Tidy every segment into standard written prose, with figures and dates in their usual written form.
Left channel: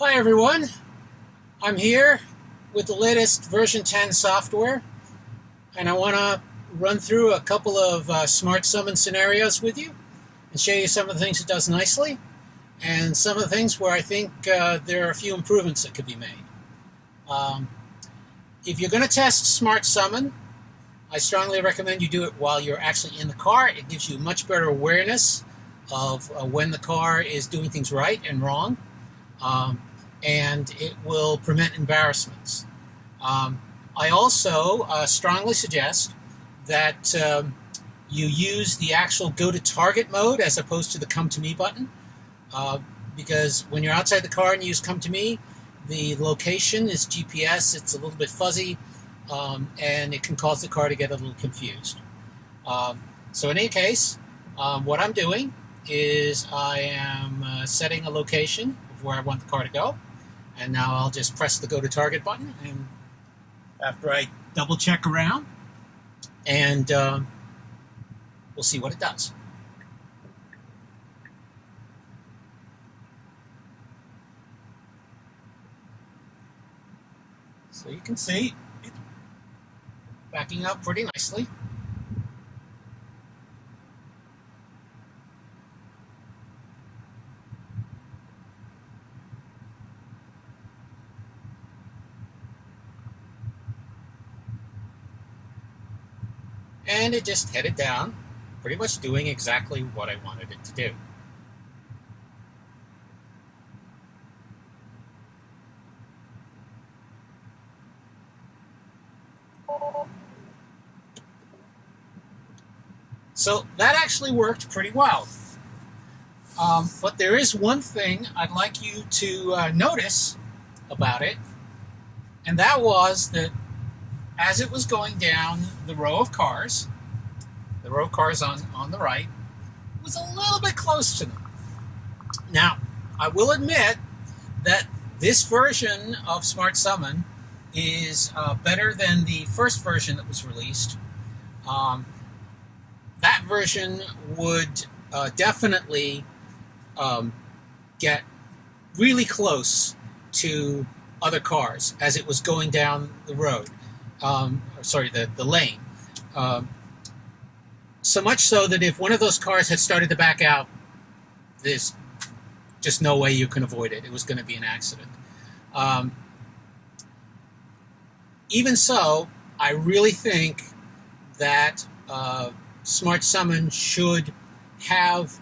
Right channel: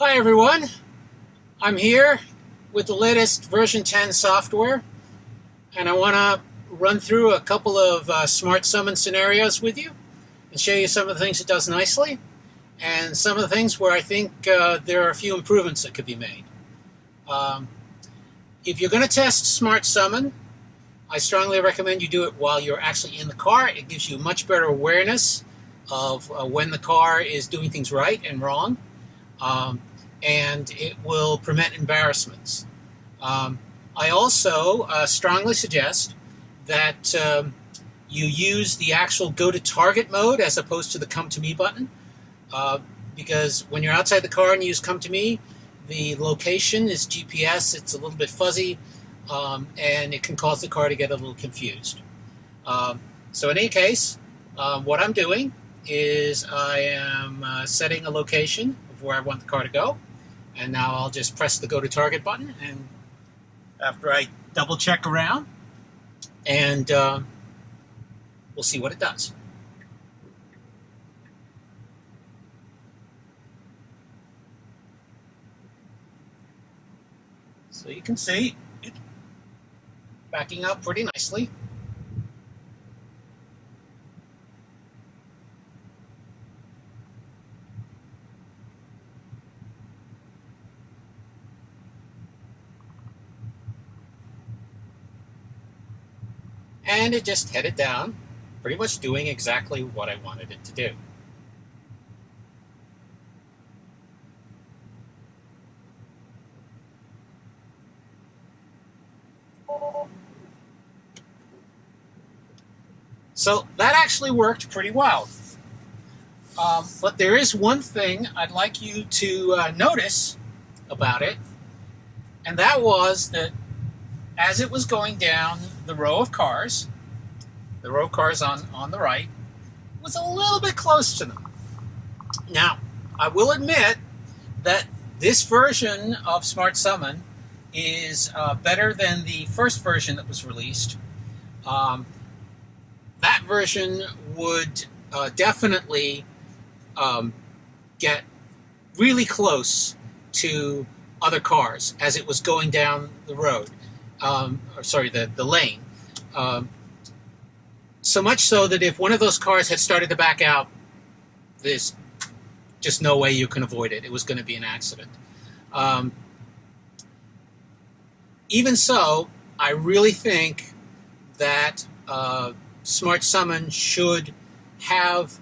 Hi everyone, I'm here with the latest version 10 software, and I want to run through a couple of smart summon scenarios with you and show you some of the things it does nicely and some of the things where I think there are a few improvements that could be made. Um, if you're going to test smart summon, I strongly recommend you do it while you're actually in the car. It gives you much better awareness of when the car is doing things right and wrong. Um, and it will prevent embarrassments. Um, I also strongly suggest that you use the actual go to target mode as opposed to the come to me button, uh, because when you're outside the car and you use come to me, the location is GPS, it's a little bit fuzzy, and it can cause the car to get a little confused. Um, so, in any case, what I'm doing is I am setting a location of where I want the car to go. And now I'll just press the go to target button. And after I double check around, and we'll see what it does. So you can see it backing up pretty nicely. And it just headed down, pretty much doing exactly what I wanted it to do. So that actually worked pretty well. But there is one thing I'd like you to notice about it, and that was that as it was going down the row of cars, on the right, was a little bit close to them. Now, I will admit that this version of Smart Summon is better than the first version that was released. Um, that version would definitely um, get really close to other cars as it was going down the road, the lane. Um, so much so that if one of those cars had started to back out, there's just no way you can avoid it. It was going to be an accident. Um, Even so, I really think that Smart Summon should have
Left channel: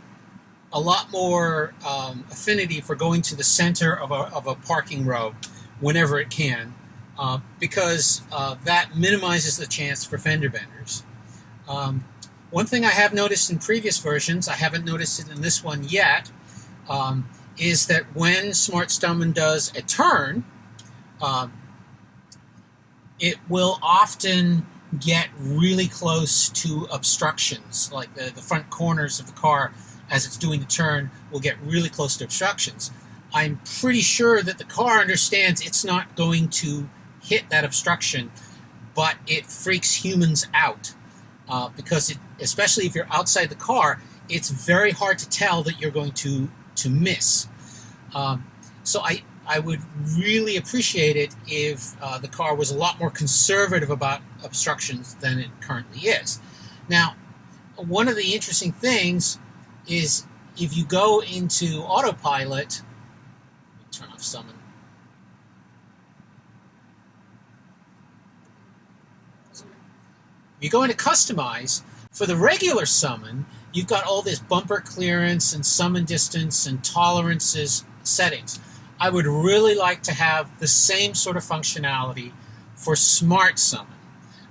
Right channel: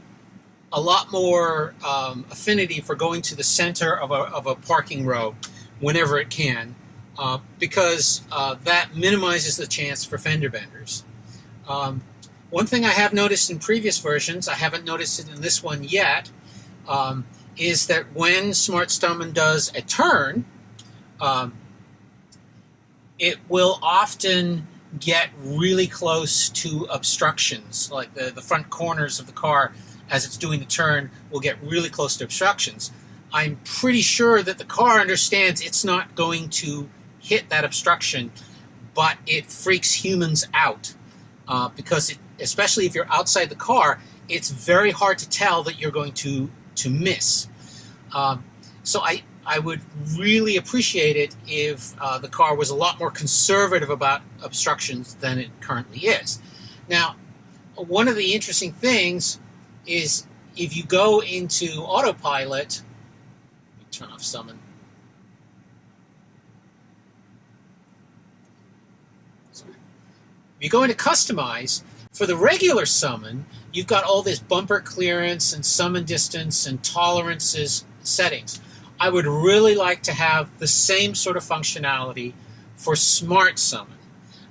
a lot more affinity for going to the center of a parking row whenever it can, because that minimizes the chance for fender benders. Um, One thing I have noticed in previous versions, I haven't noticed it in this one yet, is that when Smart Summon does a turn, um, it will often get really close to obstructions, like the front corners of the car as it's doing the turn will get really close to obstructions. I'm pretty sure that the car understands it's not going to hit that obstruction, but it freaks humans out because especially if you're outside the car, it's very hard to tell that you're going to miss. Um, so I would really appreciate it if the car was a lot more conservative about obstructions than it currently is. Now, one of the interesting things is if you go into autopilot, let me turn off summon. Sorry. If you go into customize, for the regular summon, you've got all this bumper clearance and summon distance and tolerances settings. I would really like to have the same sort of functionality for smart summon.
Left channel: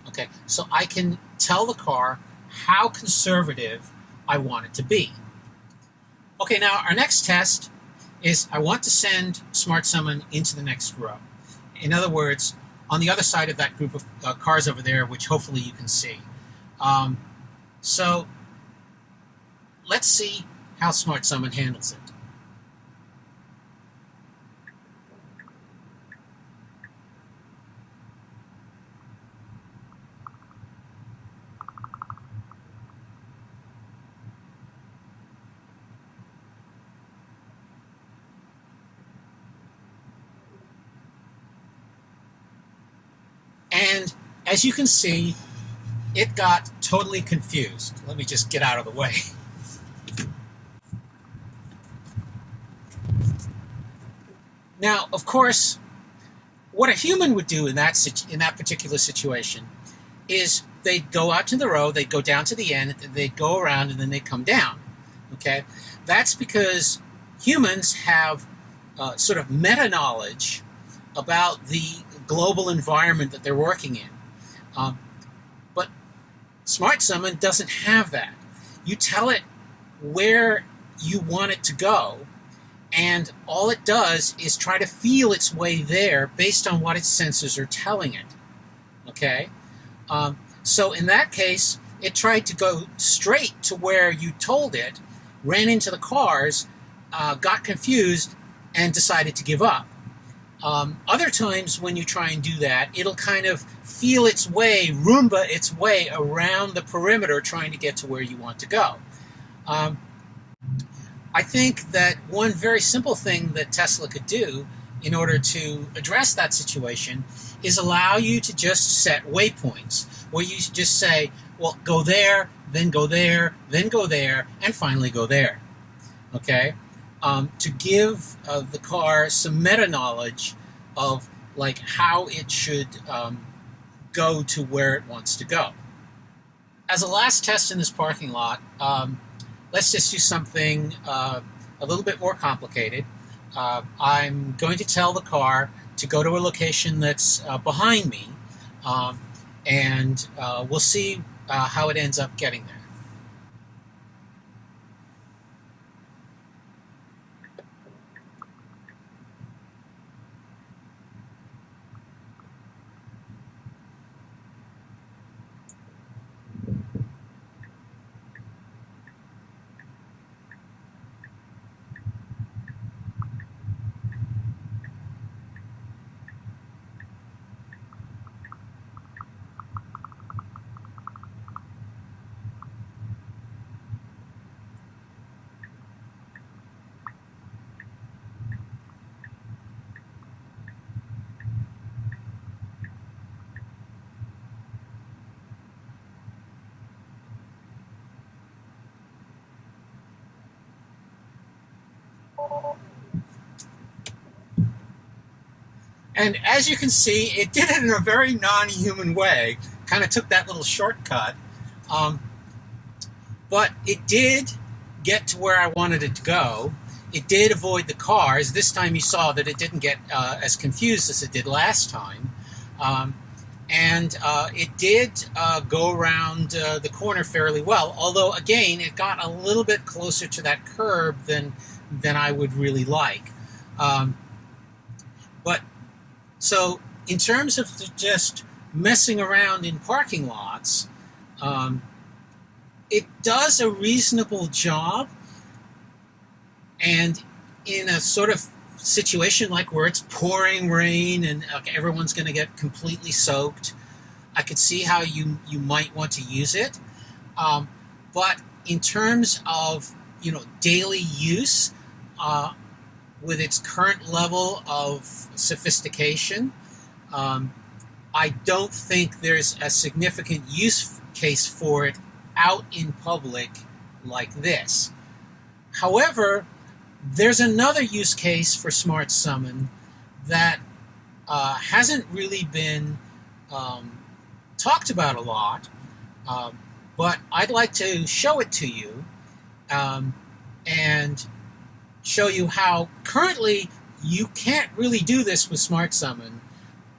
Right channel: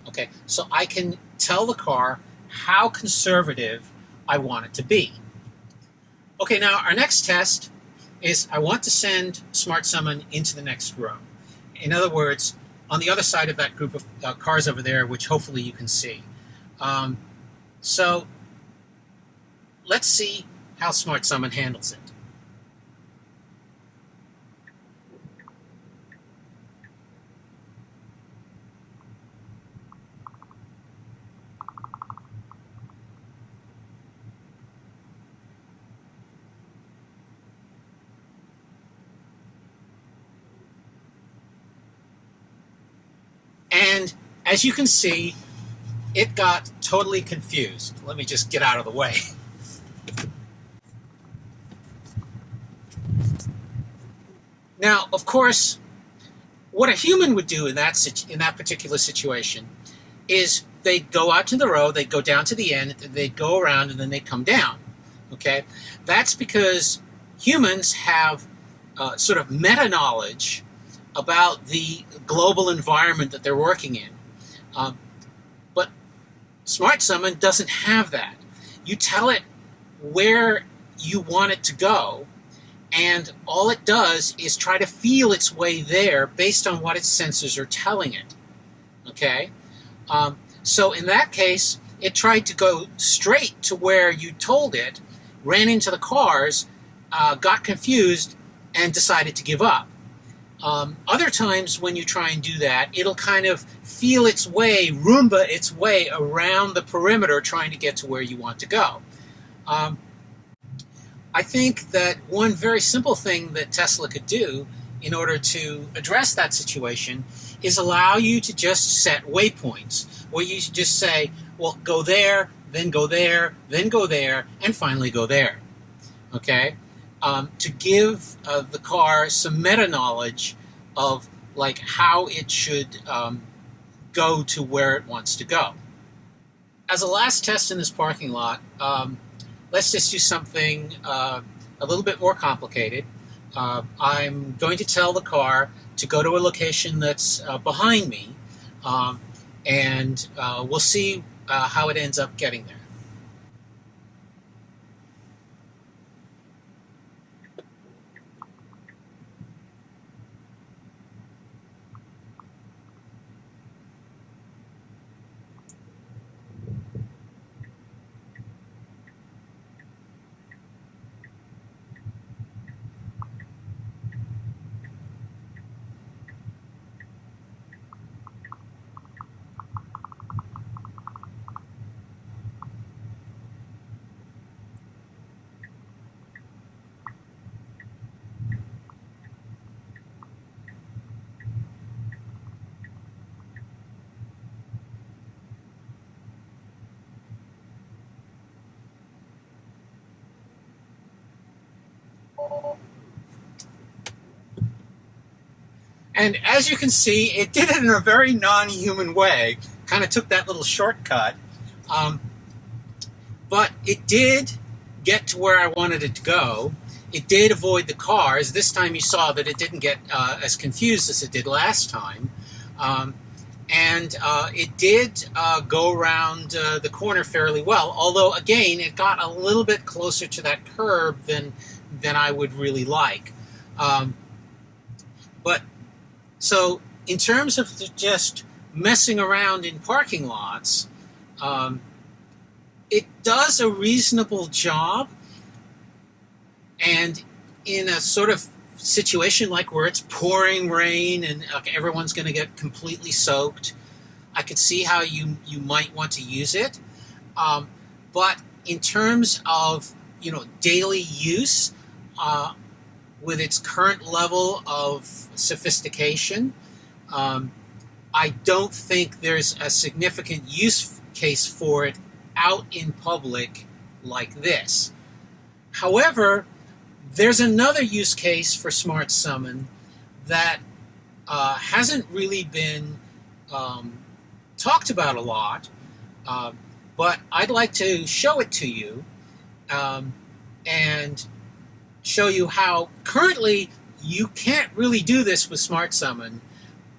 Okay, so I can tell the car how conservative I want it to be. Okay, now our next test is I want to send smart summon into the next row. In other words, on the other side of that group of cars over there, which hopefully you can see. Um, so let's see how Smart Summon handles it. as you can see, it got totally confused. Let me just get out of the way. Now, of course, what a human would do in that particular situation is they'd go out to the road, they'd go down to the end, they'd go around, and then they'd come down. Okay, that's because humans have sort of meta knowledge about the global environment that they're working in. But Smart Summon doesn't have that. You tell it where you want it to go, and all it does is try to feel its way there based on what its sensors are telling it. Okay? So in that case, it tried to go straight to where you told it, ran into the cars, got confused, and decided to give up. Other times when you try and do that, it'll kind of feel its way, Roomba its way around the perimeter trying to get to where you want to go. I think that one very simple thing that Tesla could do in order to address that situation is allow you to just set waypoints, where you just say, well, go there, then go there, then go there, and finally go there. Okay? To give the car some meta knowledge of like how it should go to where it wants to go. As a last test in this parking lot, let's just do something a little bit more complicated. I'm going to tell the car to go to a location that's behind me, and we'll see how it ends up getting there. And as you can see, it did it in a very non-human way. Kind of took that little shortcut. But it did get to where I wanted it to go. It did avoid the cars. This time you saw that it didn't get as confused as it did last time. And it did go around the corner fairly well. Although, again, it got a little bit closer to that curb than I would really like. But so in terms of just messing around in parking lots, it does a reasonable job. And in a sort of situation like where it's pouring rain and everyone's going to get completely soaked, I could see how you might want to use it. But in terms of daily use, with its current level of sophistication, I don't think there's a significant use case for it out in public like this. However, there's another use case for Smart Summon that hasn't really been talked about a lot, but I'd like to show it to you and show you how currently you can't really do this with Smart Summon,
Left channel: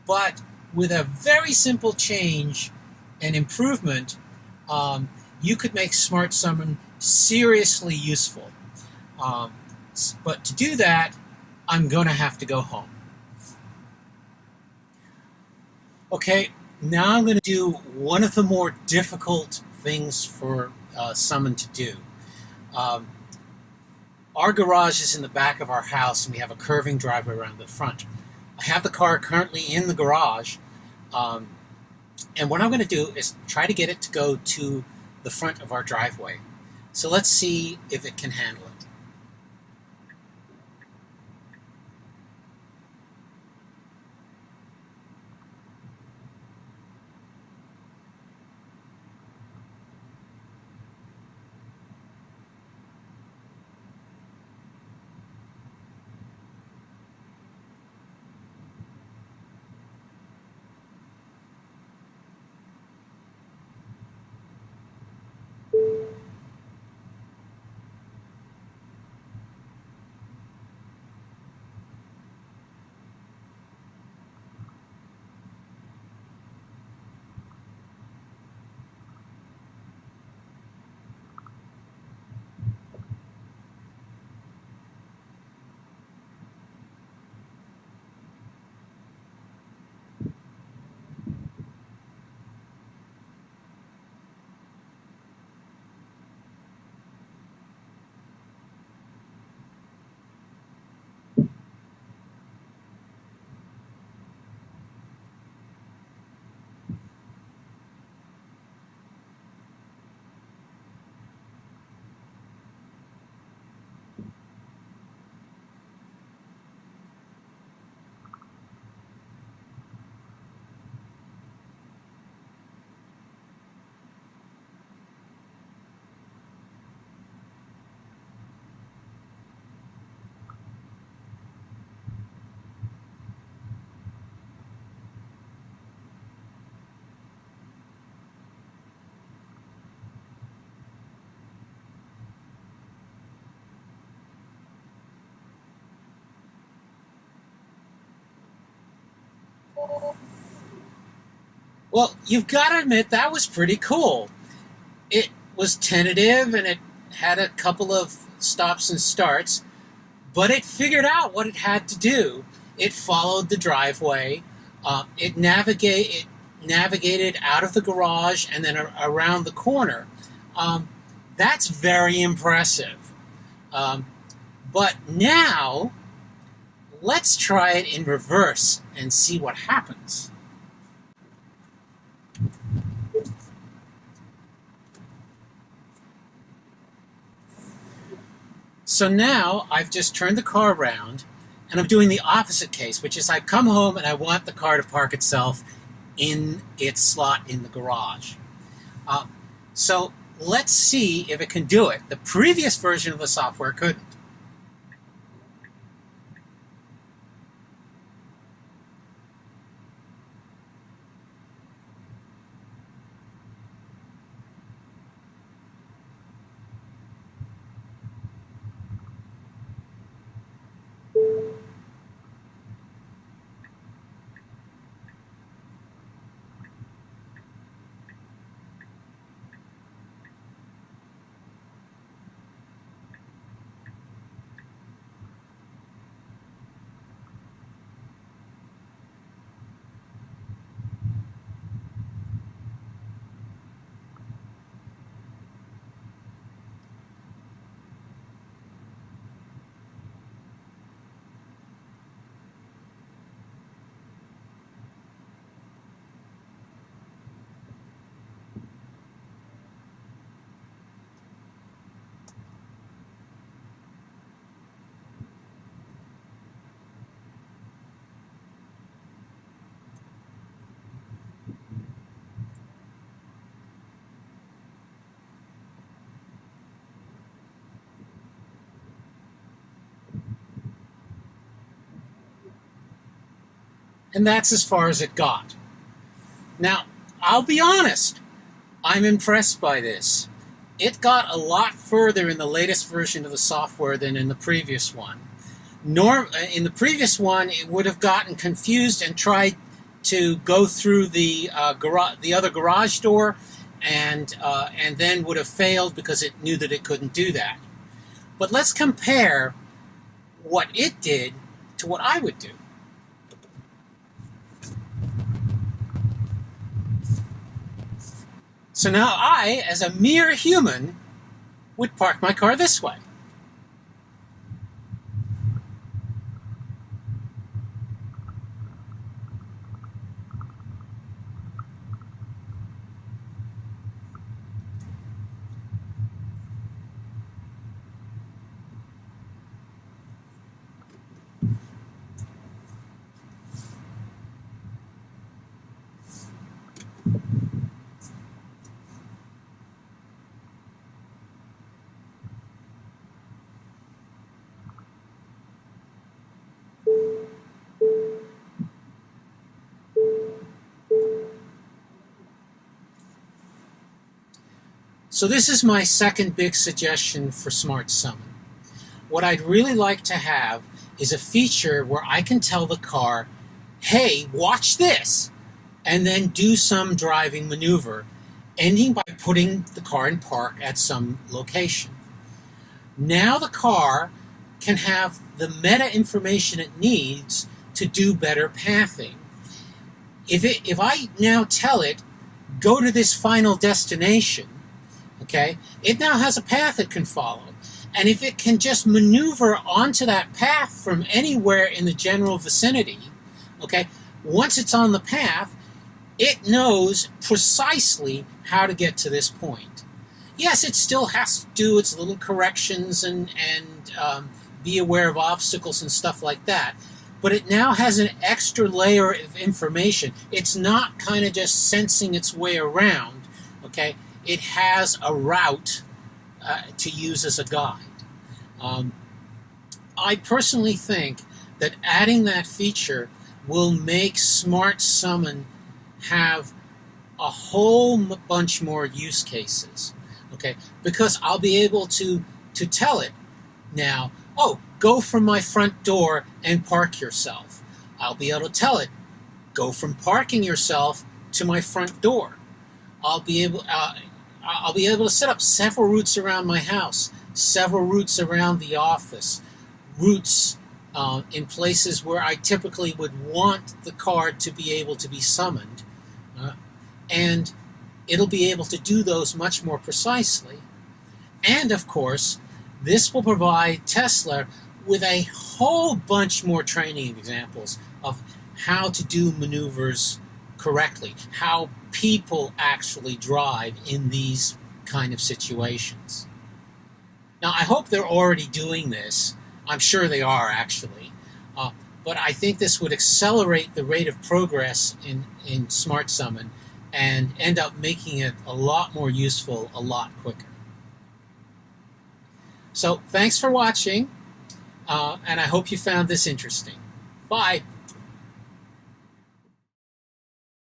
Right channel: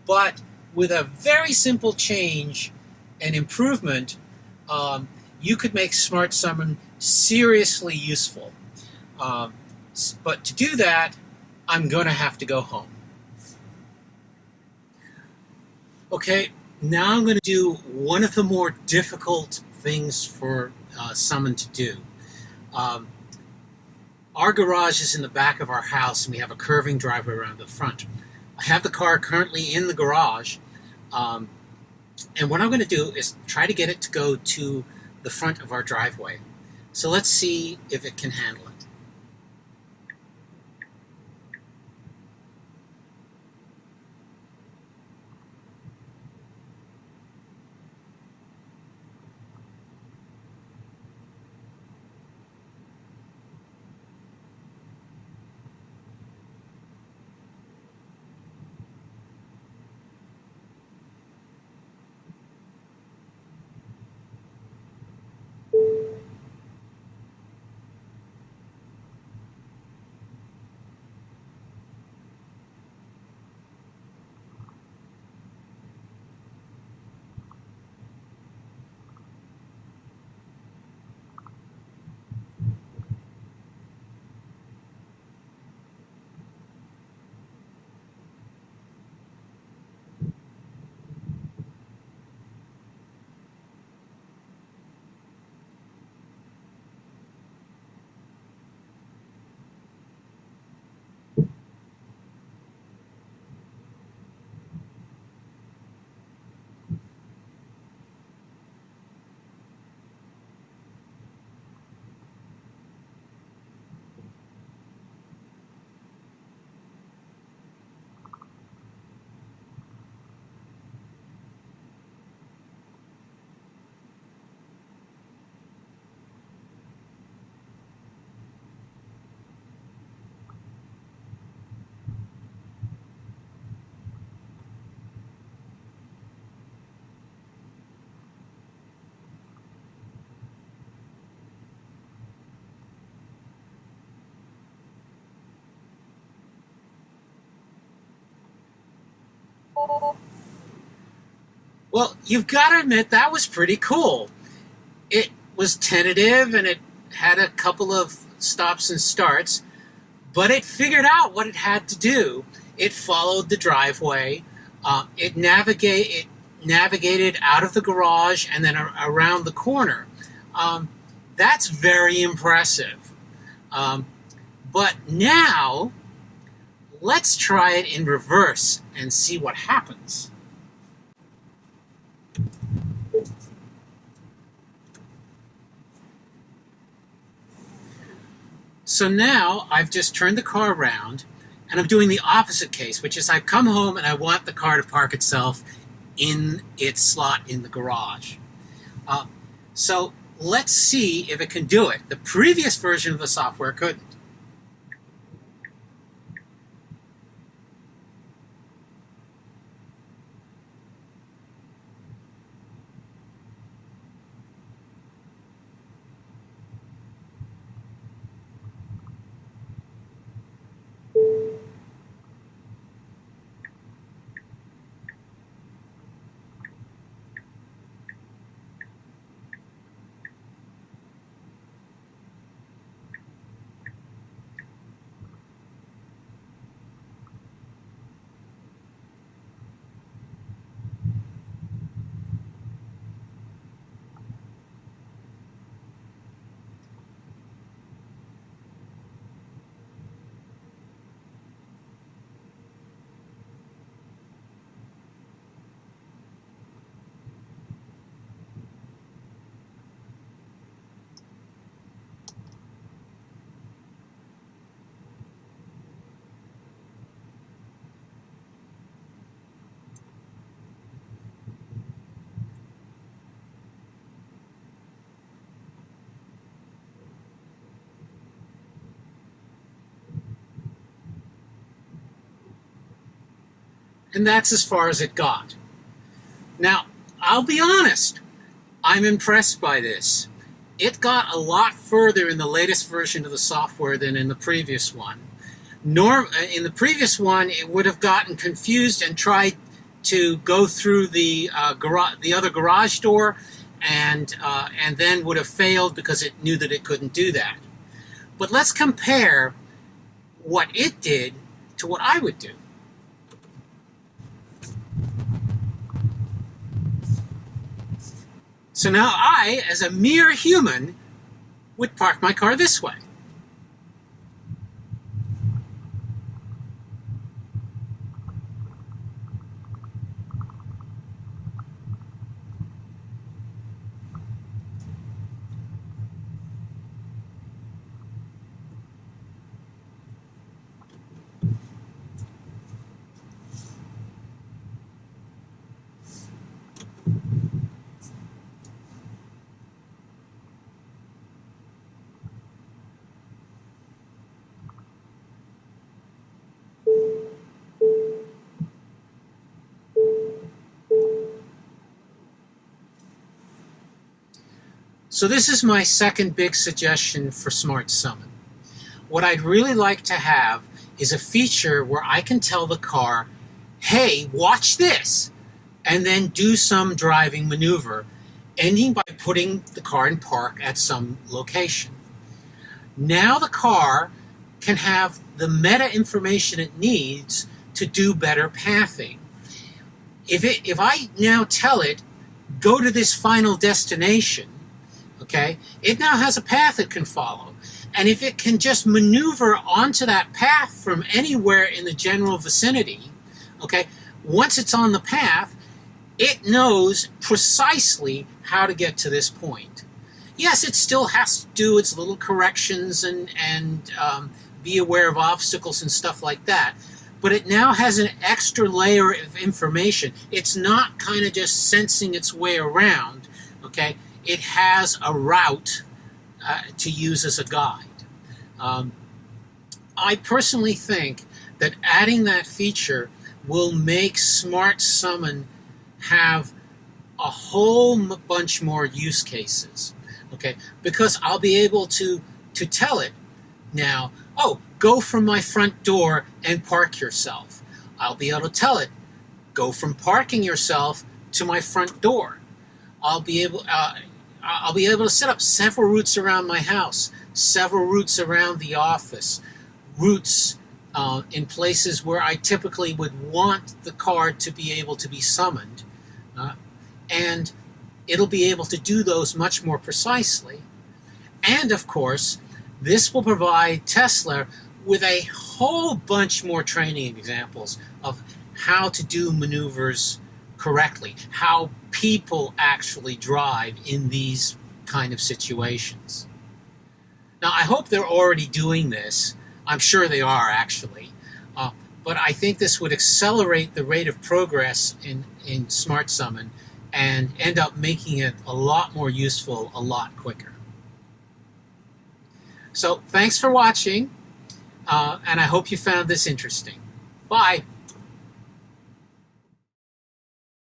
but with a very simple change and improvement, you could make Smart Summon seriously useful. But to do that, I'm going to have to go home. Okay, now I'm going to do one of the more difficult things for Summon to do. Our garage is in the back of our house, and we have a curving driveway around the front. I have the car currently in the garage, and what I'm going to do is try to get it to go to the front of our driveway. So let's see if it can handle it. Well, you've got to admit that was pretty cool. It was tentative and it had a couple of stops and starts, but it figured out what it had to do. It followed the driveway. It navigated out of the garage and then around the corner. That's very impressive. But now, let's try it in reverse and see what happens. So now I've just turned the car around and I'm doing the opposite case, which is I've come home and I want the car to park itself in its slot in the garage. So let's see if it can do it. The previous version of the software couldn't. And that's as far as it got. Now, I'll be honest, I'm impressed by this. It got a lot further in the latest version of the software than in the previous one. In the previous one, it would have gotten confused and tried to go through the other garage door, and then would have failed because it knew that it couldn't do that. But let's compare what it did to what I would do. So now I, as a mere human, would park my car this way. So this is my second big suggestion for Smart Summon. What I'd really like to have is a feature where I can tell the car, hey, watch this, and then do some driving maneuver, ending by putting the car in park at some location. Now the car can have the meta information it needs to do better pathing. If I now tell it, go to this final destination, okay, it now has a path it can follow. And if it can just maneuver onto that path from anywhere in the general vicinity, okay, once it's on the path, it knows precisely how to get to this point. Yes, it still has to do its little corrections and be aware of obstacles and stuff like that. But it now has an extra layer of information. It's not kind of just sensing its way around, okay? It has a route to use as a guide. I personally think that adding that feature will make Smart Summon have a whole bunch more use cases, okay? Because I'll be able to tell it now, oh, go from my front door and park yourself. I'll be able to tell it, go from parking yourself to my front door. I'll be able to set up several routes around my house, several routes around the office, routes in places where I typically would want the card to be able to be summoned, and it'll be able to do those much more precisely. And of course, this will provide Tesla with a whole bunch more training examples of how to do maneuvers correctly, how people actually drive in these kind of situations. Now, I hope they're already doing this. I'm sure they are, actually. But I think this would accelerate the rate of progress in Smart Summon and end up making it a lot more useful a lot quicker. So thanks for watching, and I hope you found this interesting. Bye.